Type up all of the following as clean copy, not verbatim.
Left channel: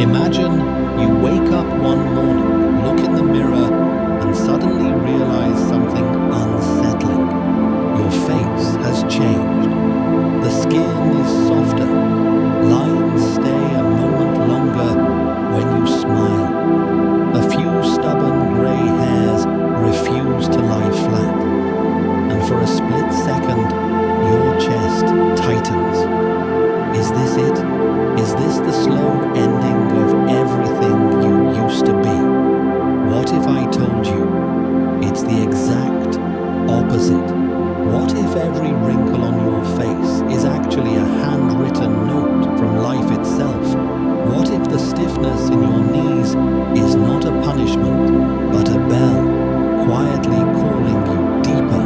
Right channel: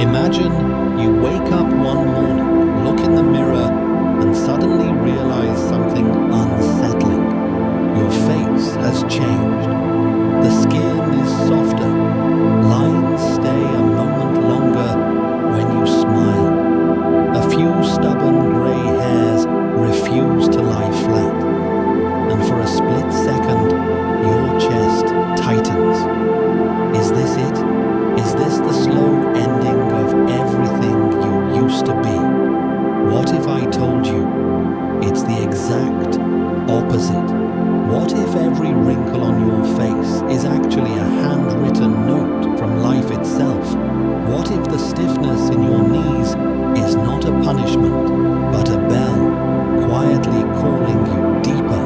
Imagine you wake up one morning, look in the mirror, and suddenly realize something unsettling. Your face has changed. The skin is softer. Lines stay a moment longer when you smile. A few stubborn grey hairs refuse to lie flat. And for a split second, your chest tightens. Is this it? Is this the slow ending of everything you used to be? What if I told you it's the exact opposite? What if every wrinkle on your face is actually a handwritten note from life itself? What if the stiffness in your knees is not a punishment, but a bell quietly calling you deeper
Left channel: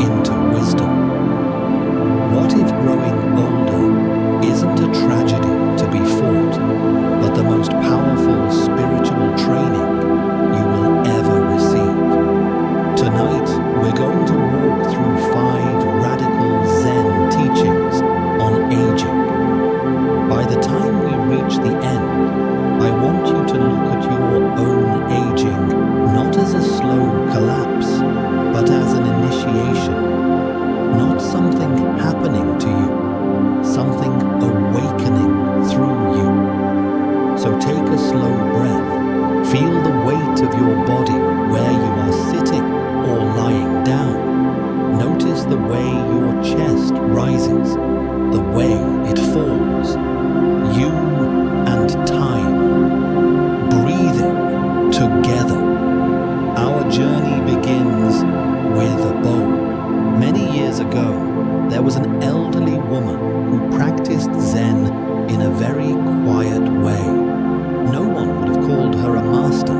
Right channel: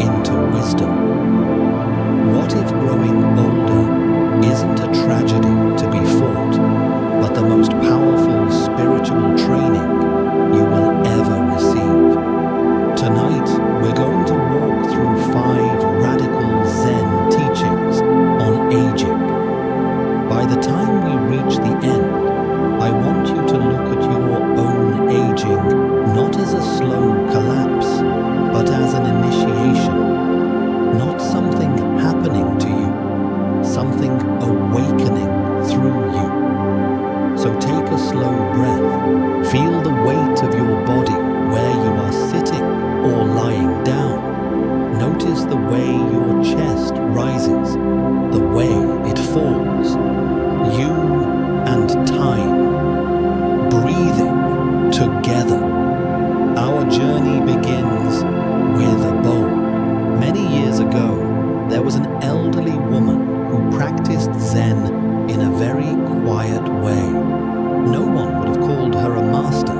into wisdom? What if growing older isn't a tragedy to be fought, but the most powerful spiritual training you will ever receive? Tonight, we're going to walk through 5 radical Zen teachings on aging. By the time we reach the end, I want you to look at your own aging not as a slow collapse, but as an initiation. Not something happening to you, something awakening through you. So take a slow breath. Feel the weight of your body where you are sitting or lying down. Notice the way your chest rises, the way it falls. You and time, breathing together. Our journey begins with a bowl. Many years ago, there was an elderly woman who practiced Zen in a very quiet way. No one would have called her a master.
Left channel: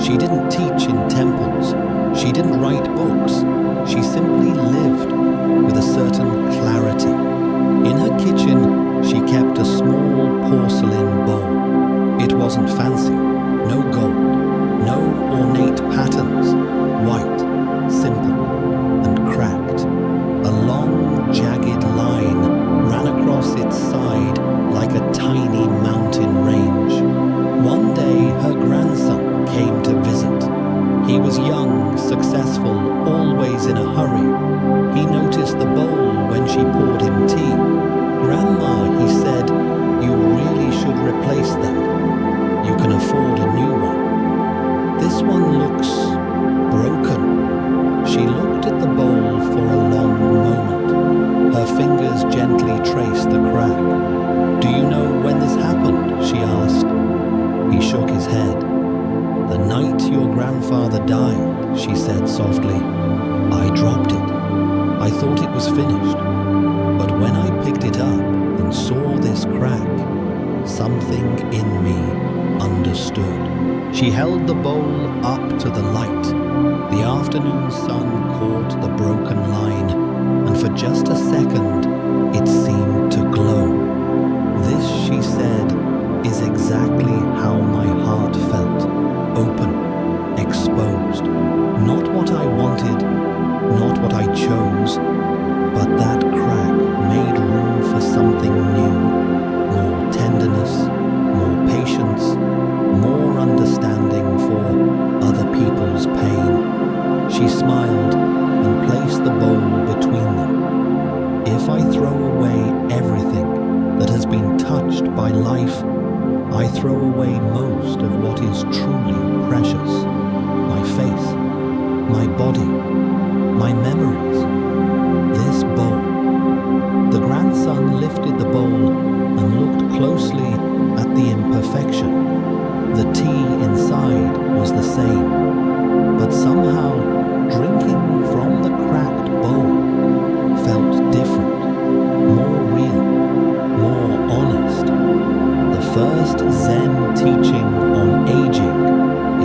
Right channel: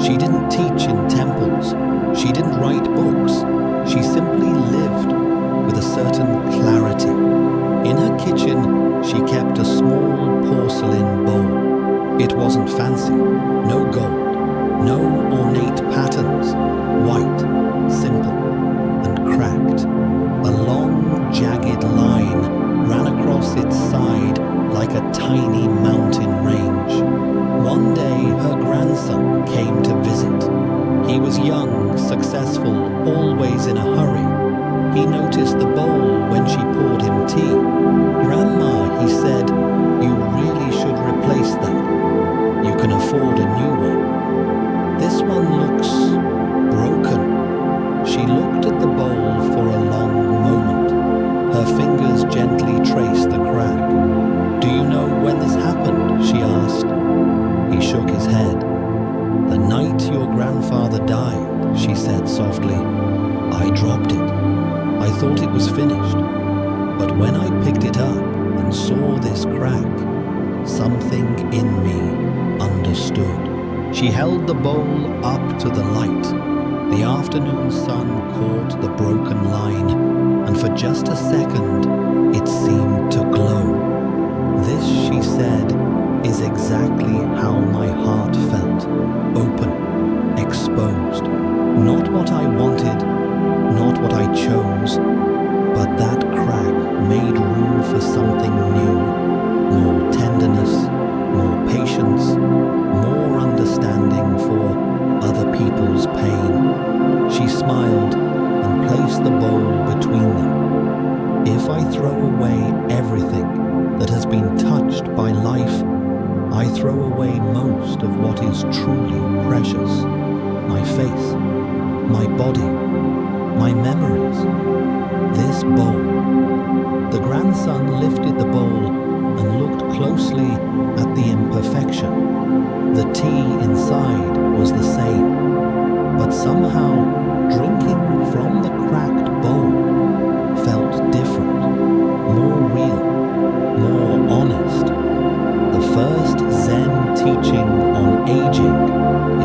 She didn't teach in temples. She didn't write books. She simply lived with a certain clarity. In her kitchen, she kept a small porcelain bowl. It wasn't fancy, no gold, no ornate patterns, white, simple, and cracked. A long, jagged line ran across its side like a tiny mountain range. One day, her grandson came to visit. He was young, successful, always in a hurry. He noticed the bowl when she poured him tea. "Grandma," he said, "you really should replace that. You can afford a new one. This one looks broken." She looked at the bowl for a long moment. Her fingers gently traced the crack. "Do you know when this happened?" she asked. He shook his head. "The night your grandfather died," she said softly. "I dropped it. I thought it was finished. But when I picked it up and saw this crack, something in me understood." She held the bowl up to the light. The afternoon sun caught the broken line, and for just a second, it seemed to glow. "This," she said, "is exactly how my heart felt. Open, exposed. Not what I wanted, not what I chose, but that crack made room for something new. More tenderness, more patience, more understanding for other people's pain." She smiled and placed the bowl between them. "If I throw away everything that has been touched by life, I throw away most of what is truly precious. My face, my body, my memories. This bowl." The grandson lifted the bowl and looked closely at the imperfection. The tea inside was the same, but somehow drinking from the cracked bowl felt different, more real, more honest. The first Zen teaching on aging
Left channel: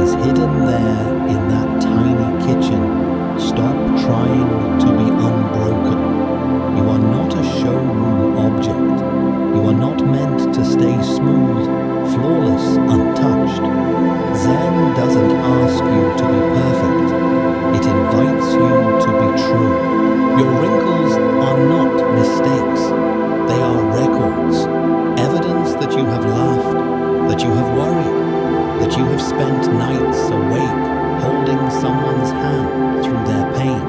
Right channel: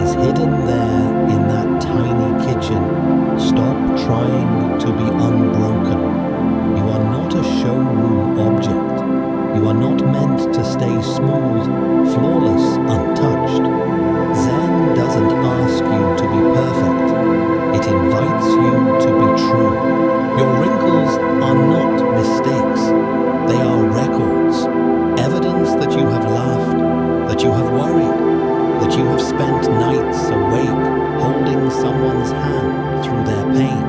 is hidden there in that tiny kitchen. Stop trying to be unbroken. You are not a showroom object. You are not meant to stay smooth, flawless, untouched. Zen doesn't ask you to be perfect. It invites you to be true. Your wrinkles are not mistakes. They are records, evidence that you have laughed, that you have worried, that you have spent nights awake holding someone's hand through their pain.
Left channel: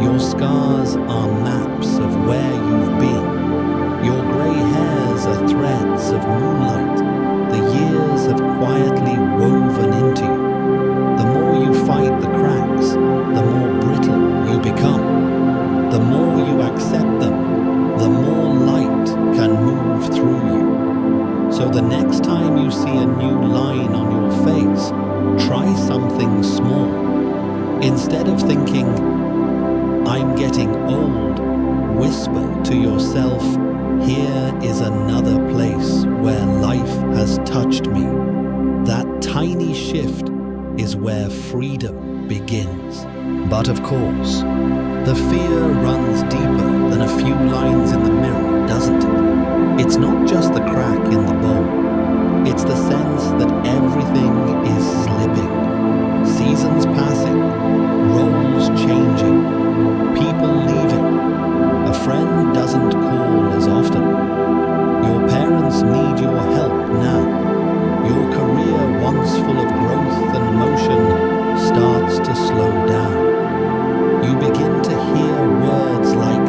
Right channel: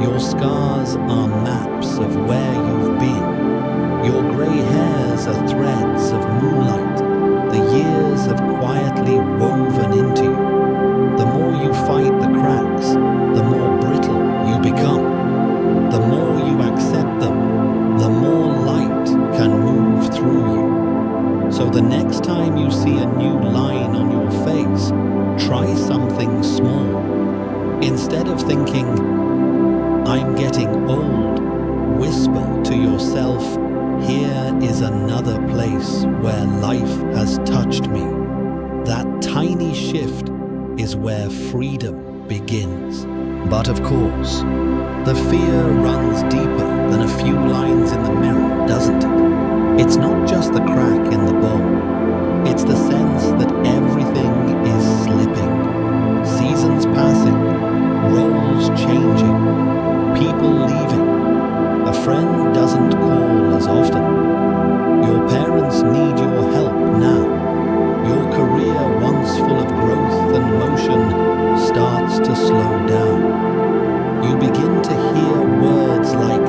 Your scars are maps of where you've been. Your grey hairs are threads of moonlight the years have quietly woven into you. The more you fight the cracks, the more brittle you become. The more you accept them, the more light can move through you. So the next time you see a new line on your face, try something small. Instead of thinking, "I'm getting old," whisper to yourself, "Here is another place where life has touched me." That tiny shift is where freedom begins. But of course, the fear runs deeper than a few lines in the mirror, doesn't it? It's not just the crack in the bowl. It's the sense that everything is slipping. Seasons passing, roles changing, people leaving. A friend doesn't call as often. Your parents need your help now. Your career, once full of growth and motion, starts to slow down. You begin to hear words like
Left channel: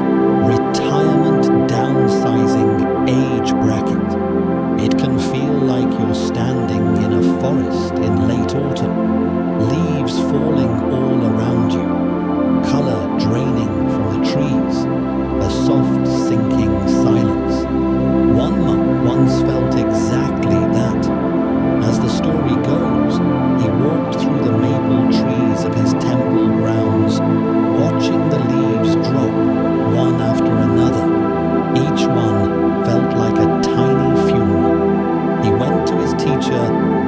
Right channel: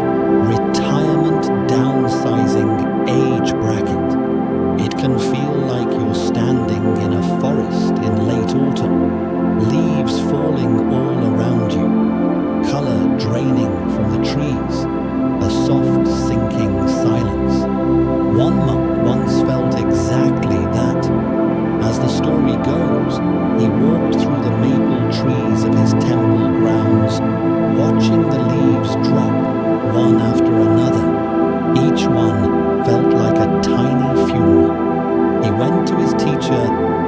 retirement, downsizing, age bracket. It can feel like you're standing in a forest in late autumn, leaves falling all around you, color draining from the trees, a soft sinking silence. One monk once felt exactly that. As the story goes, he walked through the maple trees of his temple grounds, watching the leaves drop one after another. Each one felt like a tiny funeral. He went to his teacher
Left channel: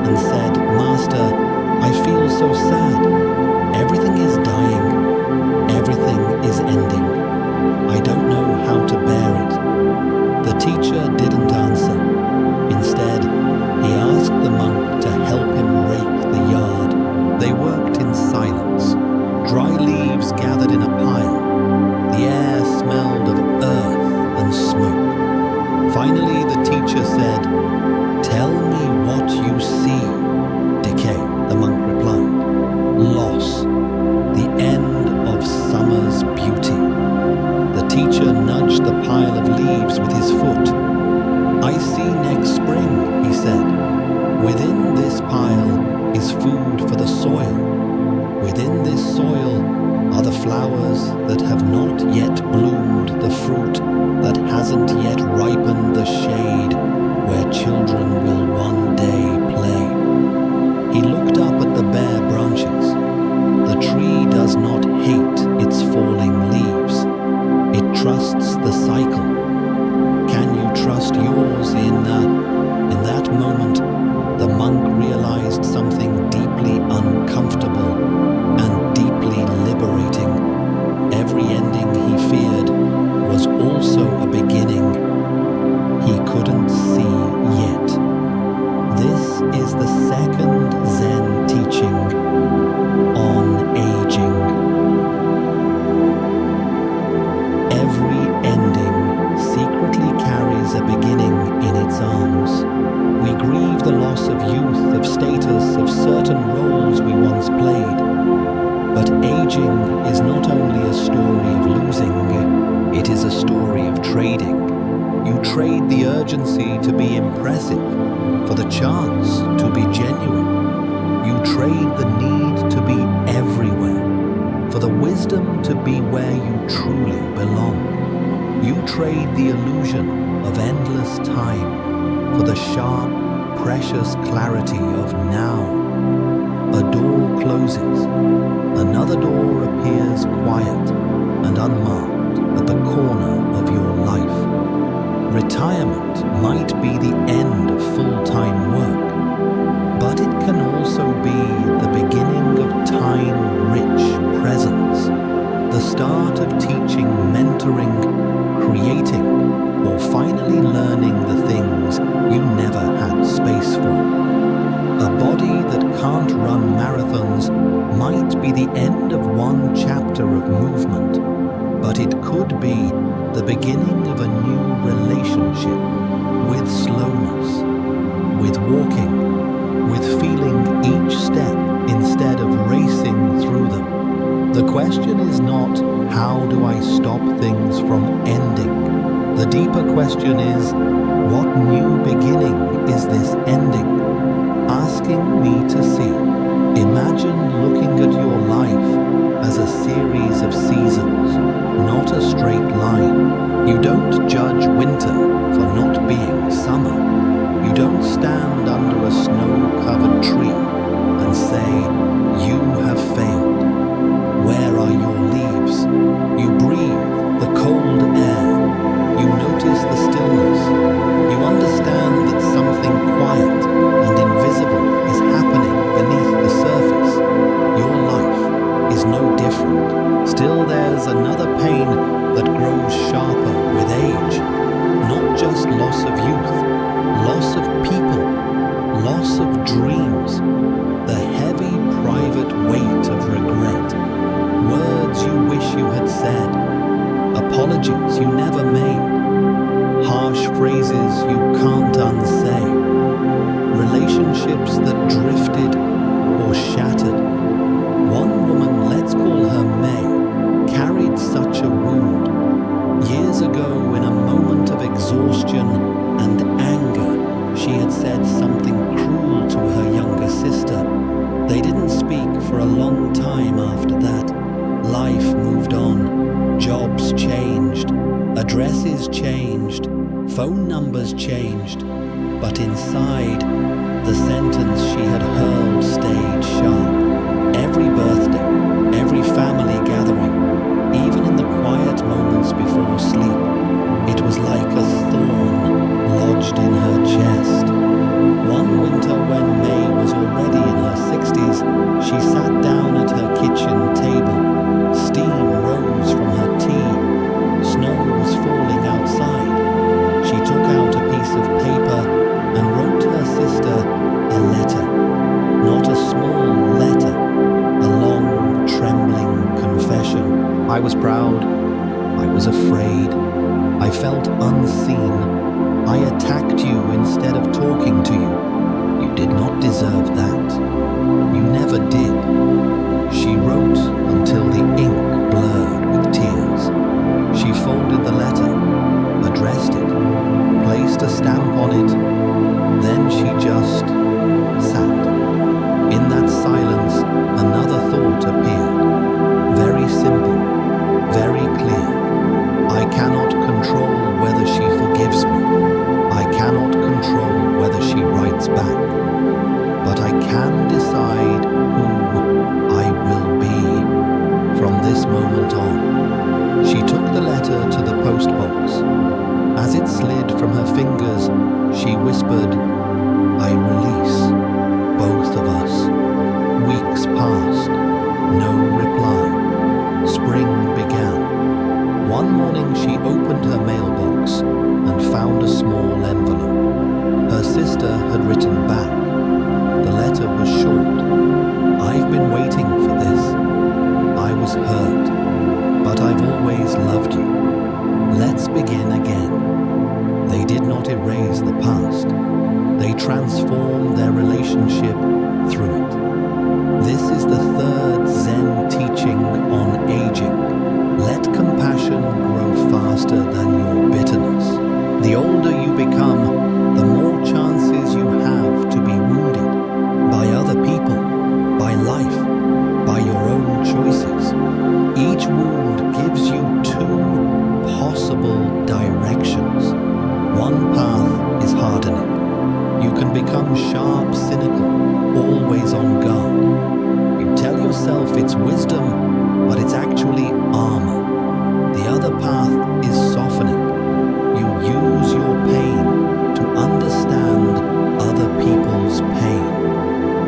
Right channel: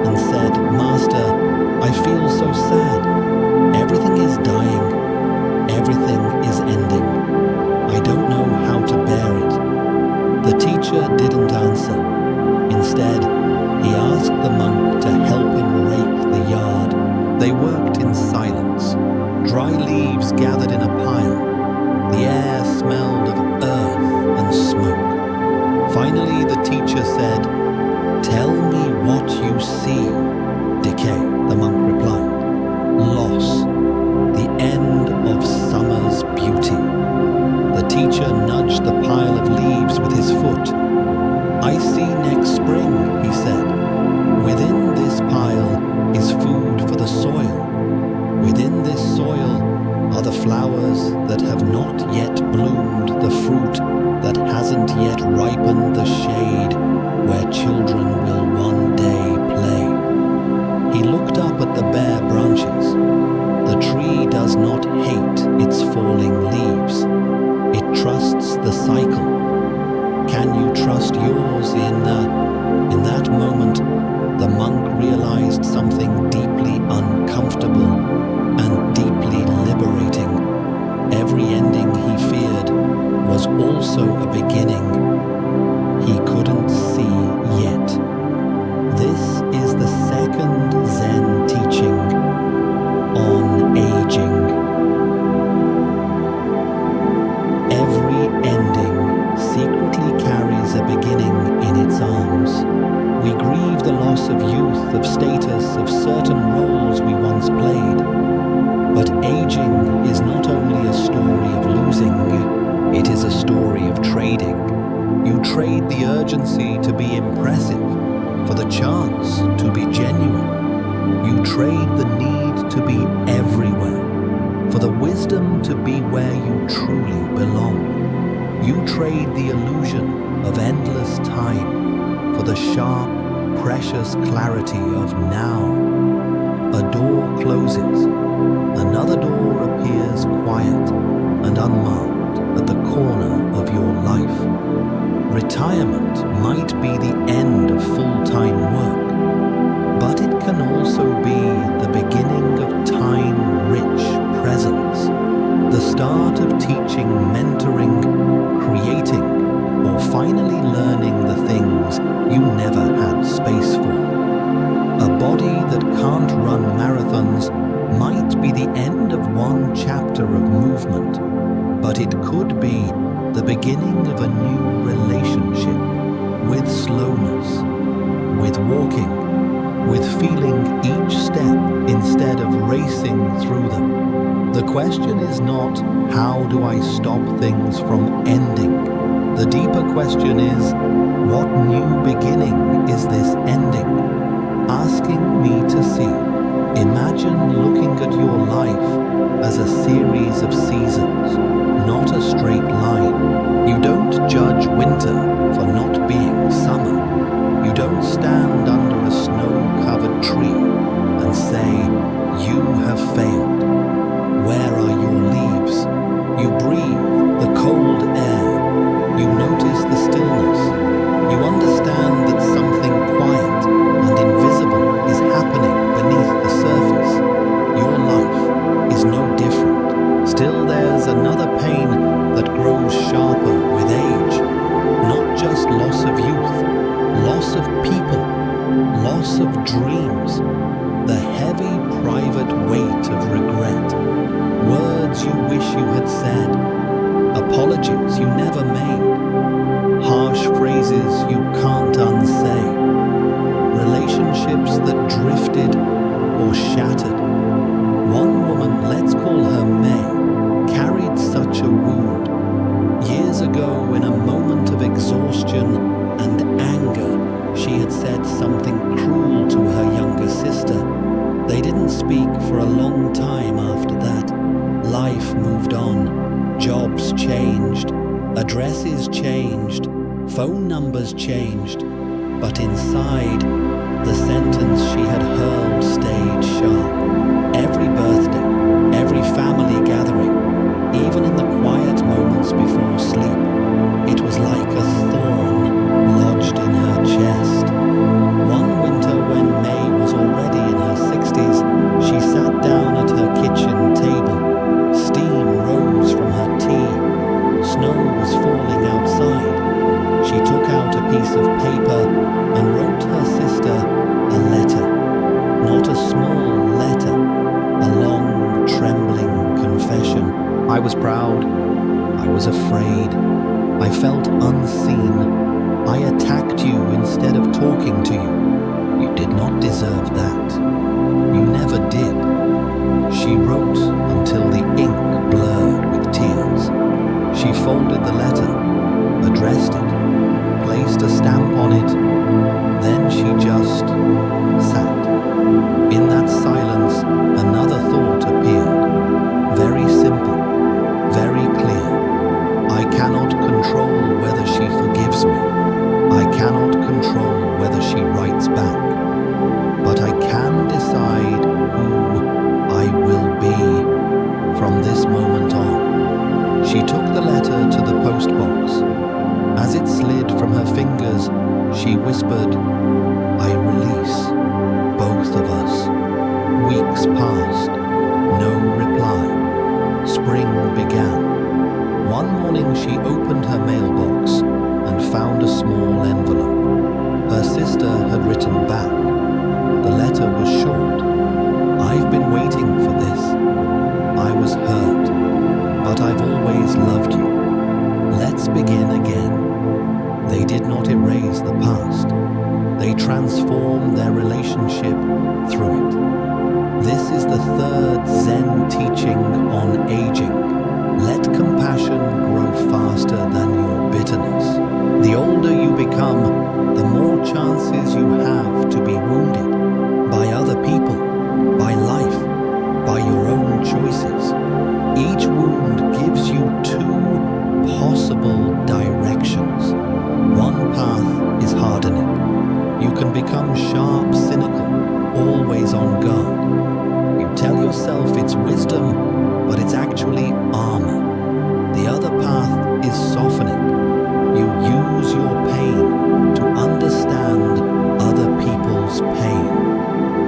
and said, "Master, I feel so sad. Everything is dying. Everything is ending. I don't know how to bear it." The teacher didn't answer. Instead, he asked the monk to help him rake the yard. They worked in silence. Dry leaves gathered in a pile. The air smelled of earth and smoke. Finally, the teacher said, "Tell me what you see." "Decay," the monk replied. "Loss. The end of summer's beauty." The teacher nudged the pile of leaves with his foot. "I see next spring," he said. "Within this pile is food for the soil. Within this soil are the flowers that have not yet bloomed, the fruit that hasn't yet ripened, the shade where children will one day play." He looked up at the bare branches. The tree does not hate its falling leaves. It trusts the cycle. Can you trust yours? In that moment, the monk realized something deeply uncomfortable and deeply liberating. Every ending he feared was also a beginning he couldn't see yet. This is the second Zen teaching on aging. Every ending secretly carries a beginning in its arms. We grieve the loss of youth, of status, of certain roles we once played. But aging is not only a story of losing, it is a story of trading. You trade the urgency to be impressive for the chance to be genuine. You trade the need to be everywhere for the wisdom to be where you truly belong. You trade the illusion of endless time for the sharp, precious clarity of now. A door closes, another door appears quiet and unmarked at the corner of your life. Retirement might be the end of full-time work, but it can also be the beginning of time-rich presence, the start of teaching, mentoring, creating, or finally learning the things you never had space for. A body that can't run marathons might be the end of one chapter of movement, but it could be the beginning of a new relationship with slowness, with walking, with feeling each step instead of racing through them. The question is not, how do I stop things from ending? The deeper question is, what new beginning is this ending asking me to see? Imagine looking at your life as a series of seasons, not a straight line. You don't judge winter for not being summer. You don't stand under a snow-covered tree and say, you have failed. Where are your leaves? You breathe the cold air. You notice the stillness. You understand that something quiet and invisible is happening beneath the surface. Your life is no different. Still, there's another pain that grows sharper with age. Not just loss of youth, loss of people, loss of dreams, the heavy private weight of regret, words you wish you had said, apologies you never made, harsh phrases you can't unsay, relationships that drifted or shattered. One woman, let's call her May, carried such a wound. Years ago, in a moment of exhaustion and anger, she had said something cruel to her younger sister. They didn't speak for a long time after that. Life moved on. Jobs changed. Addresses changed. Phone numbers changed. But inside, the sentence she had hurled stayed sharp. Every birthday, every family gathering, even in the quiet moments before sleep, it was like a thorn lodged in her chest. One winter, when May was already in her 60s, she sat down at her kitchen table. Steam rose from her tea. Snow was falling outside. She took out a piece of paper and wrote her sister a letter. Not a small letter, a long, trembling confession. I was proud. I was afraid. I felt unseen. I attacked you instead of talking to you. You did not deserve that. You never did. She wrote until the ink blurred with tears. She folded the letter, addressed it, placed a stamp on it. Then she just sat. In that silence, another thought appeared. Very simple, very clear. I cannot control whether she forgives me. I cannot control whether she writes back. But I can decide who I will be from this moment on. She took the letter to the post box. As it slid from her fingers, she whispered, I release both of us. Weeks passed. No reply. Spring began. One morning she opened her mailbox and found a small envelope. Her sister had written back. The letter was short. I've been waiting for this. I was hurt, but I've always loved you. Let's begin again. They did not erase the past. They transformed their relationship through it. This is the third Zen teaching on aging. Let compassion grow faster than your bitterness. The older you become, the more chances you have to be wounded by other people, by life, by your own choices. Each wound gives you two possible directions. One path is hardening. You can become sharp, cynical, always on guard. You tell yourself it's wisdom, but it's actually armor. The other path is softening. You use your pain to understand other people's pain.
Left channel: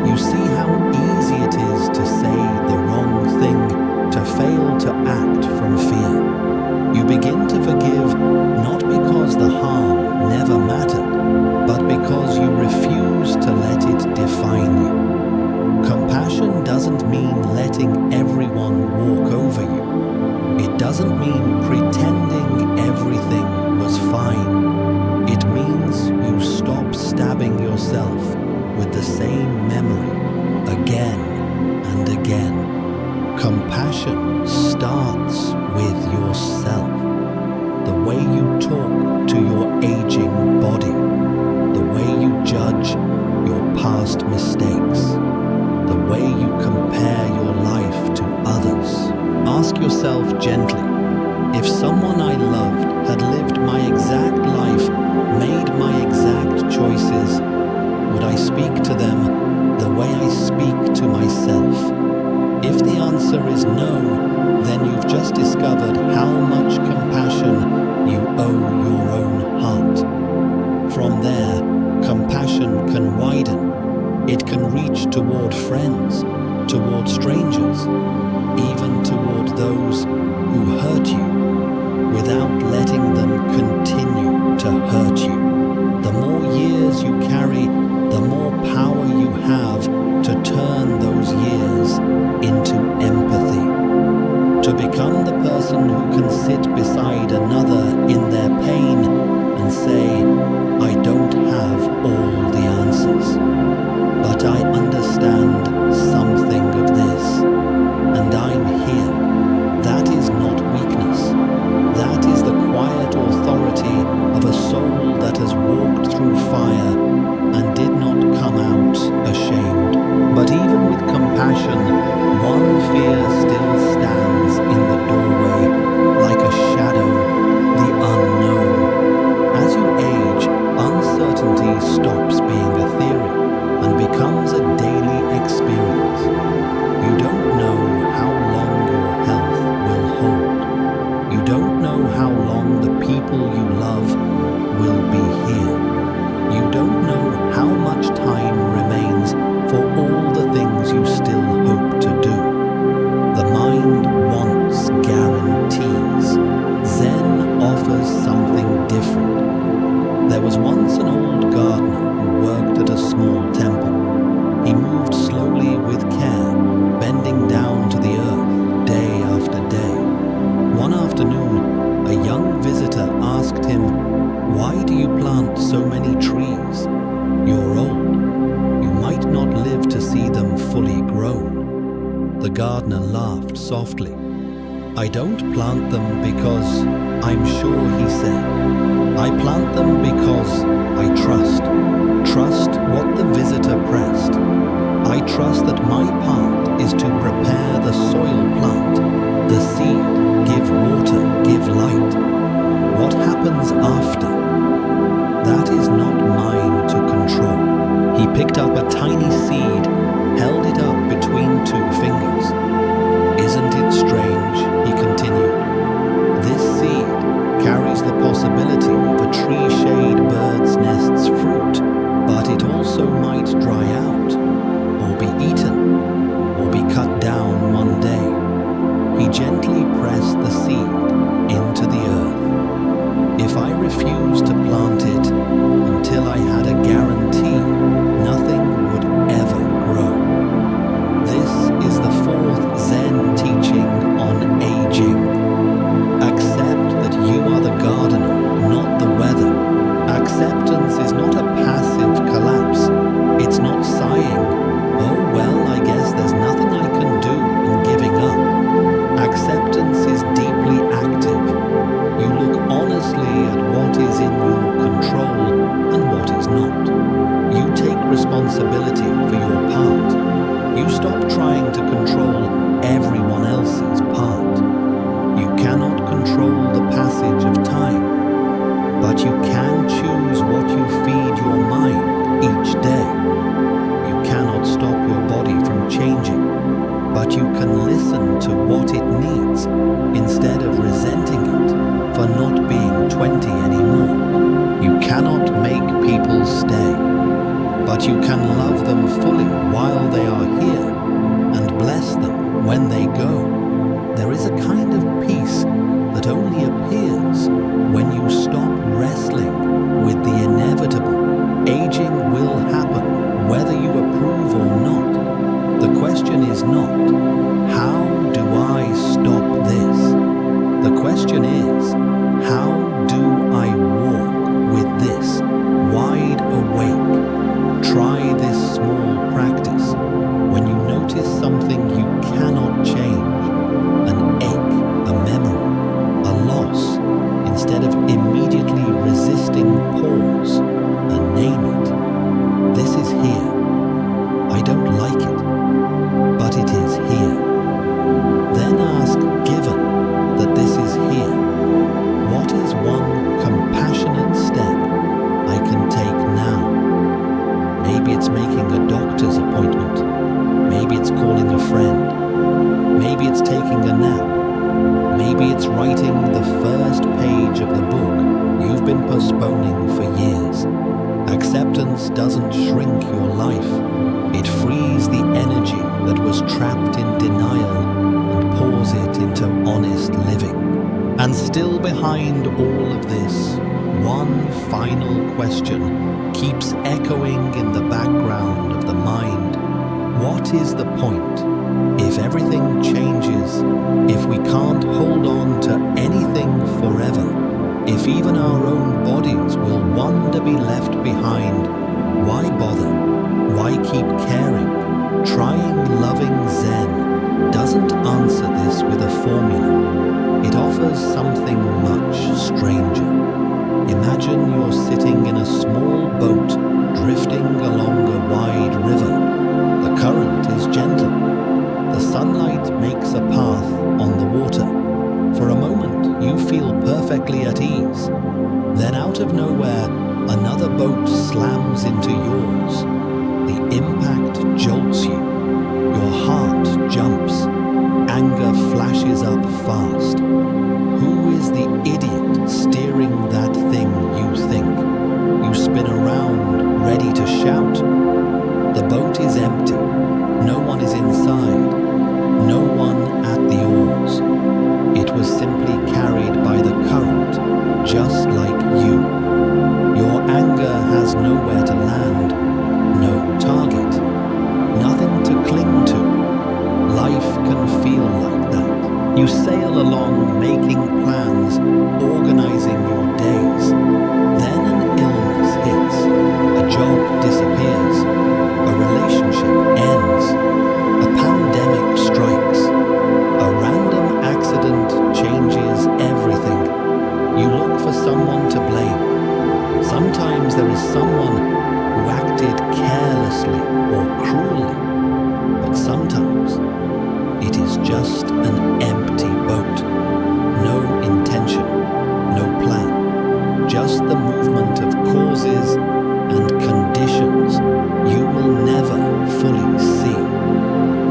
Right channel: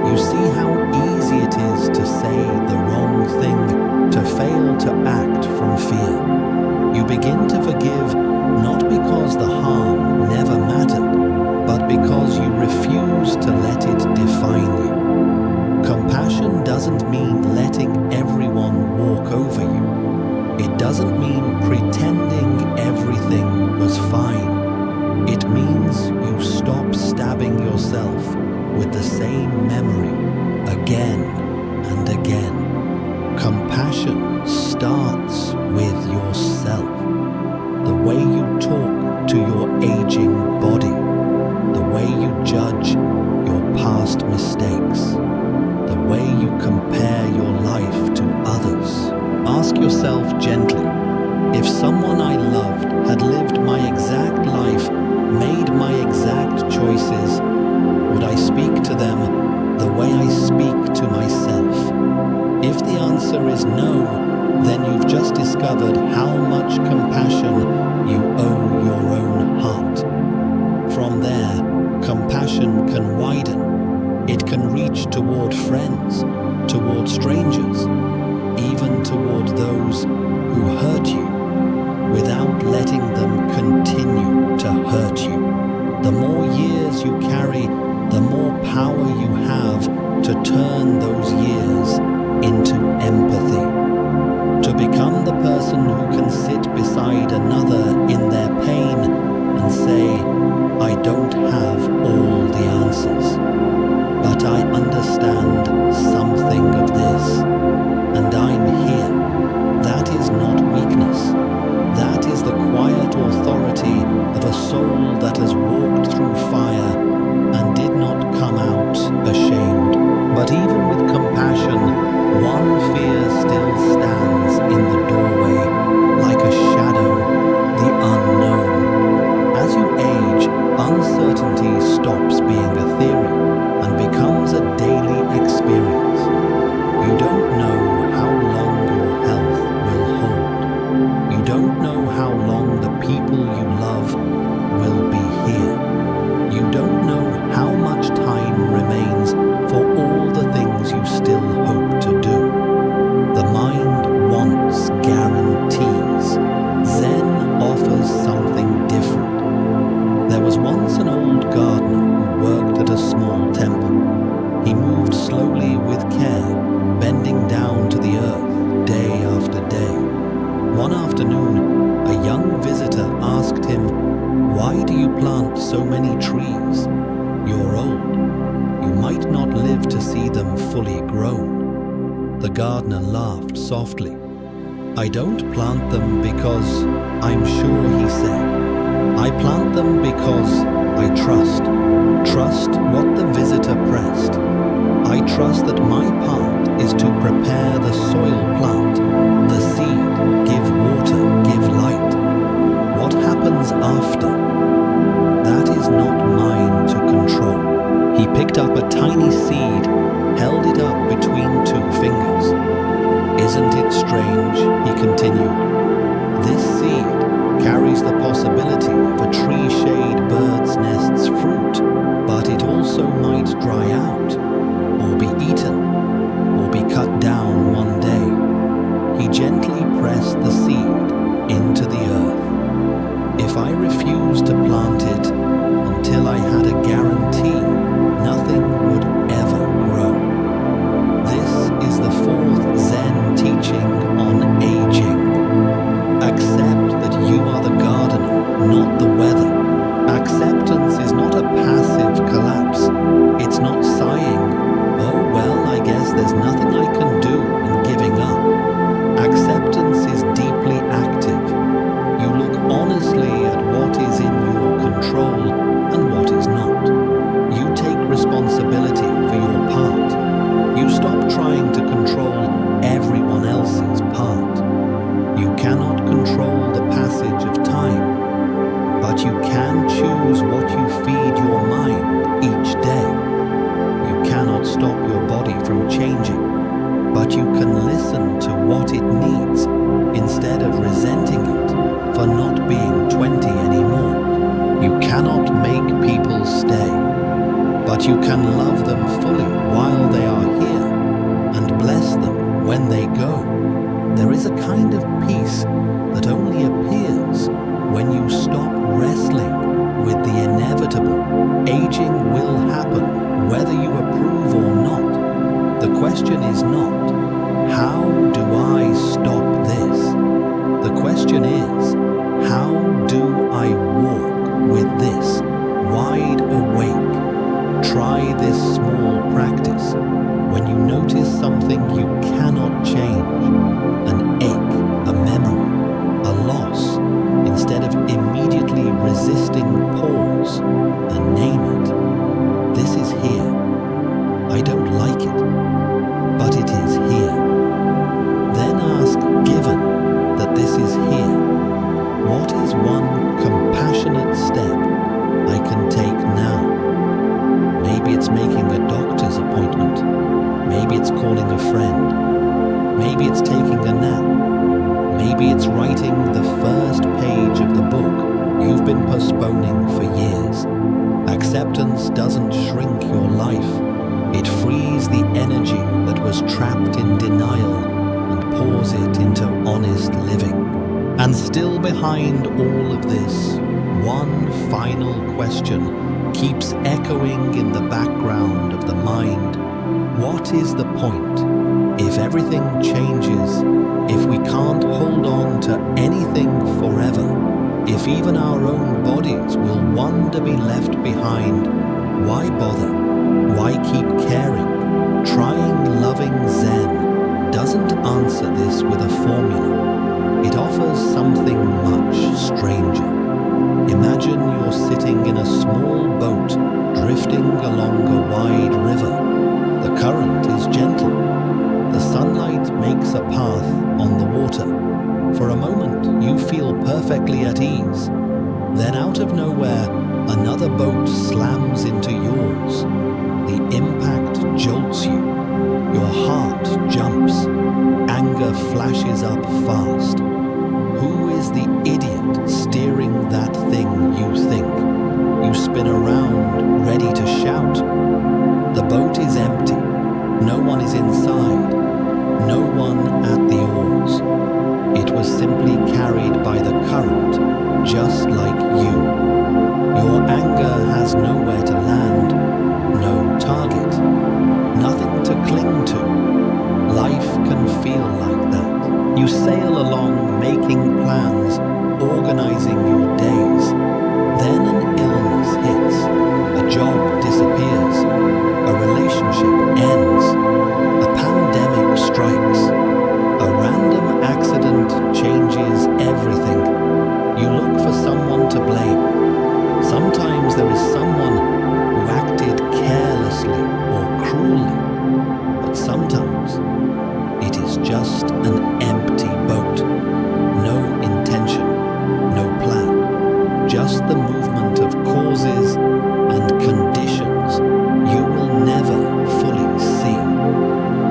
You see how easy it is to say the wrong thing, to fail to act from fear. You begin to forgive not because the harm never mattered, but because you refuse to let it define you. Compassion doesn't mean letting everyone walk over you. It doesn't mean pretending everything was fine. It means you stop stabbing yourself with the same memory again and again. Compassion starts with yourself. The way you talk to your aging body, the way you judge your past mistakes, the way you compare your life to others. Ask yourself gently, if someone I loved had lived my exact life, made my exact choices, would I speak to them the way I speak to myself? If the answer is no, then you've just discovered how much compassion you owe your own heart. From there, compassion can widen. It can reach toward friends, toward strangers, even toward those who hurt you, without letting them continue to hurt you. The more years you carry, the more power you have to turn those years into empathy. To become the person who can sit beside another in their pain and say, I don't have all the answers, but I understand something of this, and I'm here. That is not weakness. That is the quiet authority of a soul that has walked through fire and did not come out ashamed. But even with compassion, one fear still stands in the doorway, like a shadow, the unknown. As you age, uncertainty stops being a theory and becomes a daily experience. You don't know how long your health will hold. You don't know how long the people you love will be here. You don't know how much time remains for all the things you still hope to do. The mind wants guarantees. Zen offers something different. There was once an old gardener who worked at a small temple. He moved slowly with care, bending down to the earth day after day. One afternoon, a young visitor asked him, "Why do you plant so many trees? You're old. You might not live to see them fully grown." The gardener laughed softly. "I don't plant them because I'm sure," he said. "I plant them because I trust. Trust what the visitor pressed. I trust that my part is to prepare the soil plant, the seed, give water, give light. What happens after? That is not mine to control." He picked up a tiny seed, held it up between two fingers. "Isn't it strange?" he continued. "This seed carries the possibility of a tree-shade bird's nest's fruit, but it also might dry out, or be eaten, or be cut down one day." He gently pressed the seed into the earth. "If I refused to plant it until I had a guarantee, nothing would ever grow." This is the fourth Zen teaching on aging. Accept that you are the gardener, not the weather. Acceptance is not a passive collapse. It's not sighing, "Oh well, I guess there's nothing I can do," and giving up. Acceptance is deeply active. You look honestly at what is in your control and what is not. You take responsibility for your part. You stop trying to control everyone else's part. You cannot control the passage of time, but you can choose what you feed your mind each day. You cannot stop your body from changing, but you can listen to what it needs instead of resenting it for not being 20 anymore. You cannot make people stay, but you can love them fully while they are here and bless them when they go. There is a kind of peace that only appears when you stop wrestling with the inevitable. Aging will happen whether you approve or not. The question is not, how do I stop this? The question is, how do I walk with this, wide awake. Try this small practice. When you notice something you cannot change, an ache, a memory, a loss, instead of immediately resisting, pause and name it. This is here. I don't like it, but it is here. Then ask, given that this is here, what is one compassionate step I can take now? Maybe it's making a doctor's appointment. Maybe it's calling a friend. Maybe it's taking a nap. Maybe it's writing the first page of the book you've been postponing for years. Acceptance doesn't shrink your life. It frees the energy that was trapped in denial and pours it into honest living. And still behind all of this, one final question keeps echoing in the background of the mind. What is the point? If everything changes, if we can't hold on to anything forever, if even our own bodies will one day be left behind, why bother? Why keep caring? Trying loving Zen doesn't answer this with a formula. It offers something much stranger. Imagine you're sitting in a small boat drifting along a wide river. The current is gentle. The sunlight makes a path on the water. For a moment, you feel perfectly at ease. Then out of nowhere, another boat slams into yours. The impact jolts you. Your heart jumps. Anger flashes up fast. Who is the idiot steering that thing, you think? You spin around, ready to shout. The boat is empty. No one is inside. No one at the oars. It was simply carried by the current, just like you. Your anger has nowhere to land, no target, nothing to cling to. Life can feel like that. You sail along, making plans, organizing your days. Then an illness hits, a job disappears, a relationship ends, a pandemic strikes, a random accident changes everything. You look for someone to blame. Sometimes there is someone who acted carelessly or cruelly, but sometimes it is just an empty boat. No intention, no plan, just the movement of causes and conditions you will never fully see.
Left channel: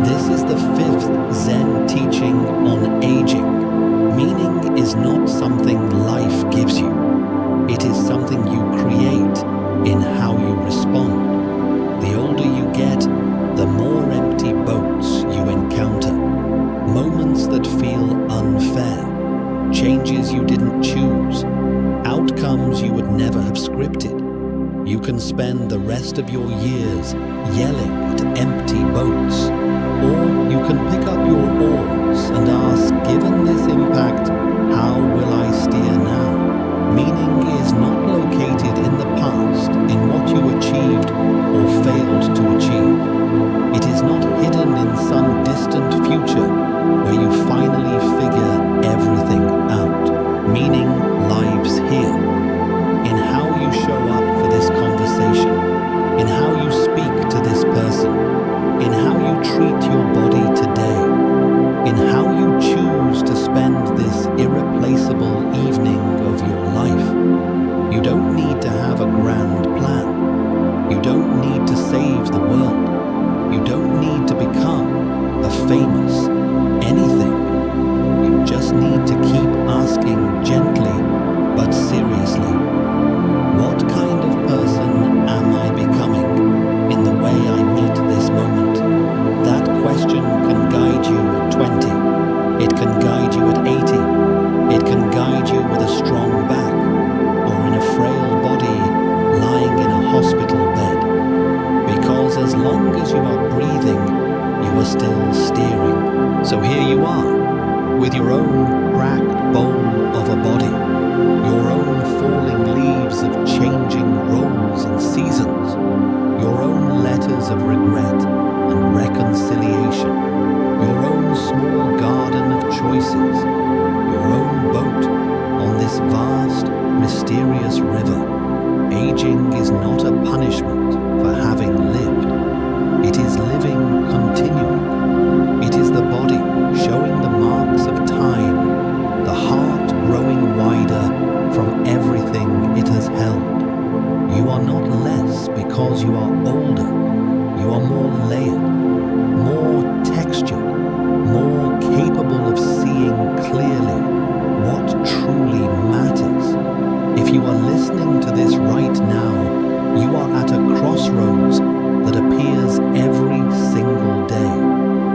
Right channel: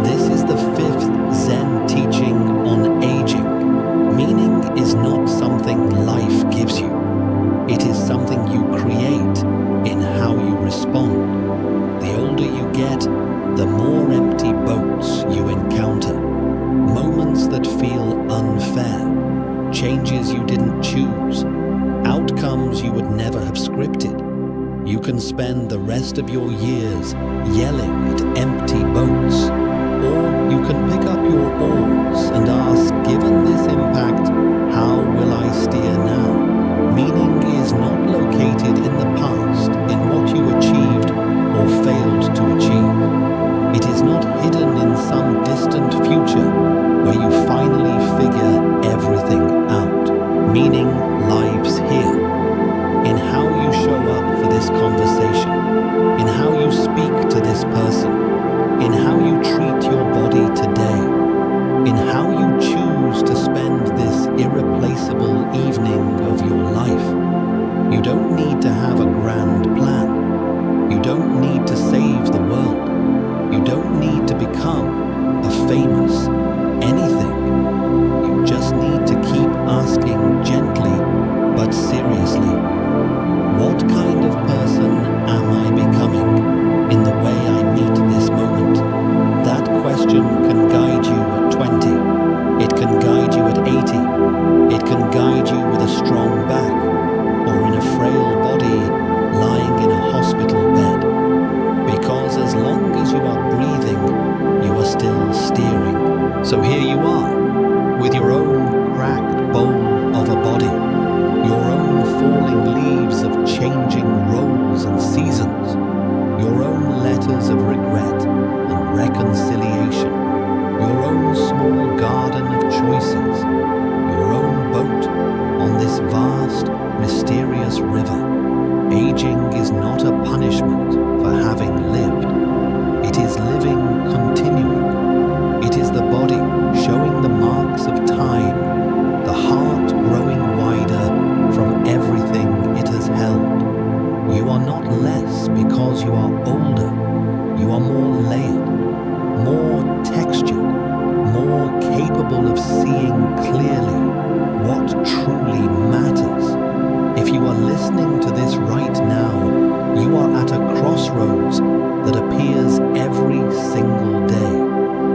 This is the fifth Zen teaching on aging. Meaning is not something life gives you. It is something you create in how you respond. The older you get, the more empty boats you encounter. Moments that feel unfair. Changes you didn't choose. Outcomes you would never have scripted. You can spend the rest of your years yelling at empty boats. Or you can pick up your oars and ask, given this impact, how will I steer now? Meaning is not located in the past, in what you achieved or failed to achieve. It is not hidden in some distant future where you finally figure everything out. Meaning lives here. In how you show up for this conversation. In how you speak to this person. In how you treat your body today. In how you choose to spend this irreplaceable evening of your life. You don't need to have a grand plan. You don't need to save the world. You don't need to become a famous anything. You just need to keep asking gently but seriously, what kind of person am I becoming in the way I meet this moment? That question can guide you at 20. It can guide you at 80. It can guide you with a strong back or in a frail body lying in a hospital bed. Because as long as you are breathing, you are still steering. So here you are, with your own cracked bowl of a body, your own falling leaves of change. changing roles and seasons, your own letters of regret and reconciliation, your own small garden of choices, your own boat on this vast, mysterious river. Aging is not a punishment for having lived. It is living continuing. It is the body showing the marks of time, the heart growing wider from everything it has held. You are not less because you are older. You are more layered, more textured, more capable of seeing clearly what truly matters. If you are listening to this right now, you are at a crossroads that appears every single day.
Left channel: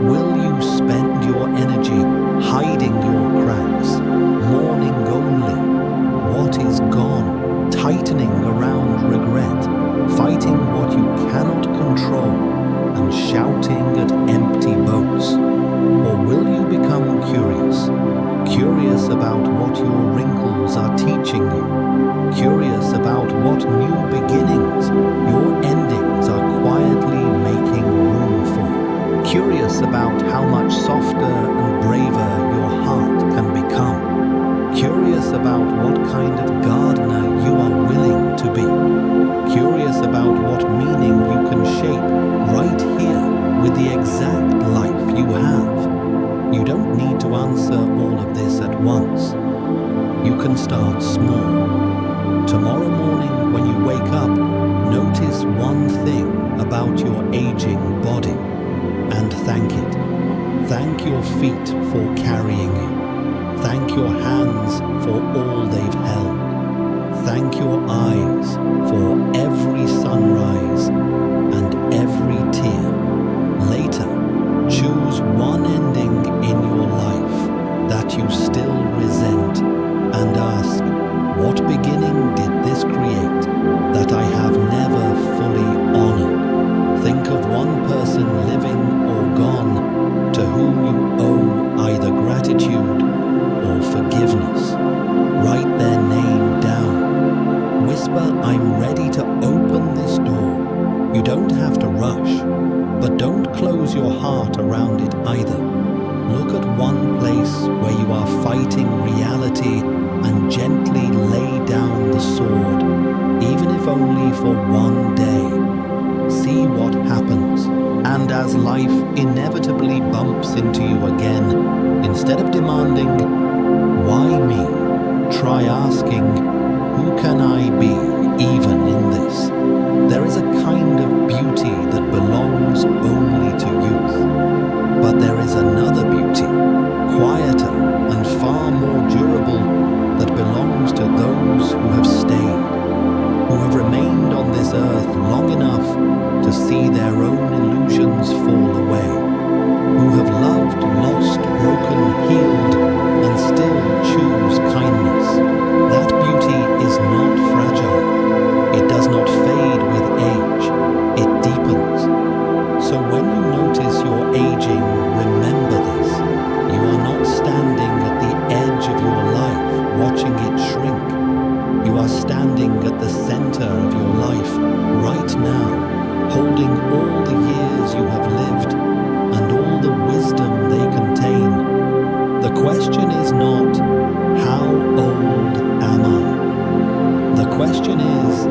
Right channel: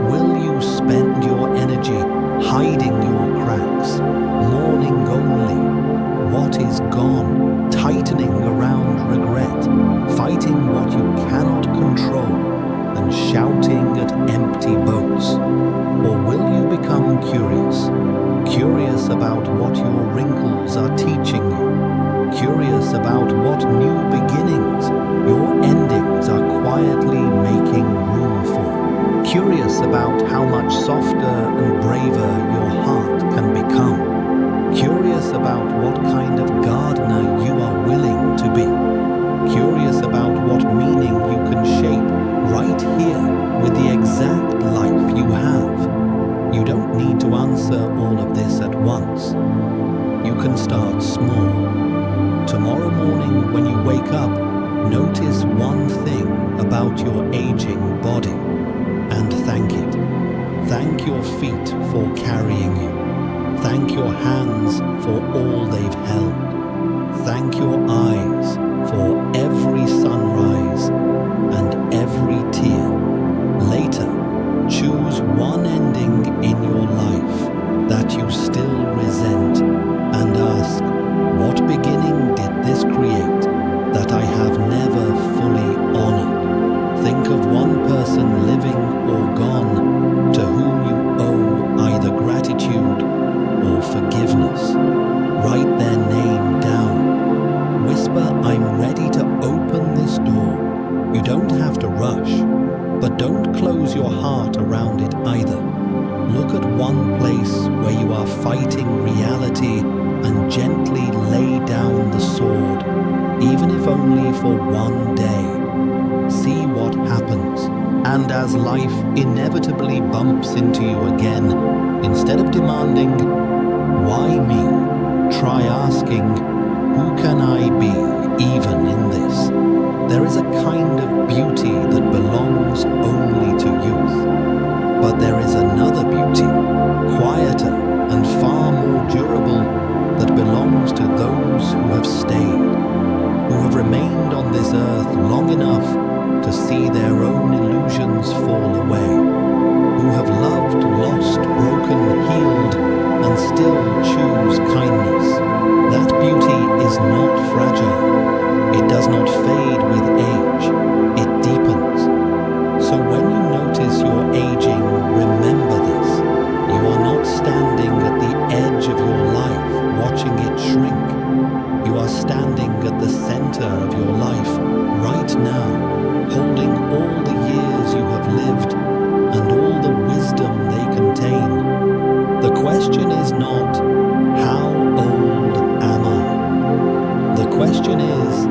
Will you spend your energy hiding your cracks, mourning only what is gone, tightening around regret, fighting what you cannot control, and shouting at empty boats? Or will you become curious about what your wrinkles are teaching you? Curious about what new beginnings your endings are quietly making room for. Curious about how much softer and braver your heart can become. Curious about what kind of gardener you are willing to be. Curious about what meaning you can shape right here with the exact life you have. You don't need to answer all of this at once. You can start small. Tomorrow morning when you wake up, notice one thing about your aging body and thank it. Thank your feet for carrying you. Thank your hands for all they've held. Thank your eyes for every sunrise and every tear. Later, choose one ending in your life that you still resent and ask, what beginning did this create that I have never fully honored? Think of one person living or gone to whom you owe either gratitude or forgiveness. Write their name down. Whisper, I'm ready to open this door. You don't have to rush, but don't close your heart around it either. Look at one place where you are fighting reality and gently lay down the sword, even if only for one day. See what happens. And as life inevitably bumps into you again, instead of demanding, why me? Try asking, who can I be even in this? There is a kind of beauty that belongs only to youth. But there is another beauty, quieter and far more durable, that belongs to those who have stayed, who have remained on this earth long enough to see their own illusions fall away, who have loved, lost, broken, healed, and still choose kindness. That beauty is not fragile. It does not fade with age. It deepens. So when you notice your aging, remember this. You are not standing at the edge of your life watching it shrink. You are standing at the center of your life right now, holding all the years you have lived and all the wisdom they contain. The question is not, how old am I? The question is,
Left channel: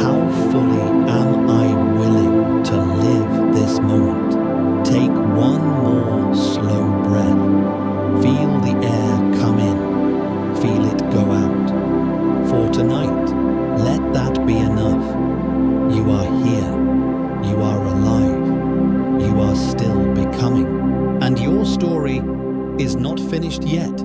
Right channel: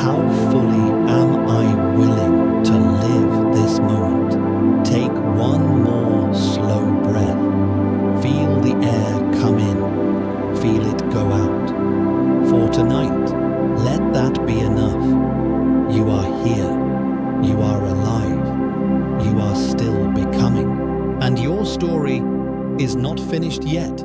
how fully am I willing to live this moment? Take one more slow breath. Feel the air come in. Feel it go out. For tonight, let that be enough. You are here. You are alive. You are still becoming. And your story is not finished yet.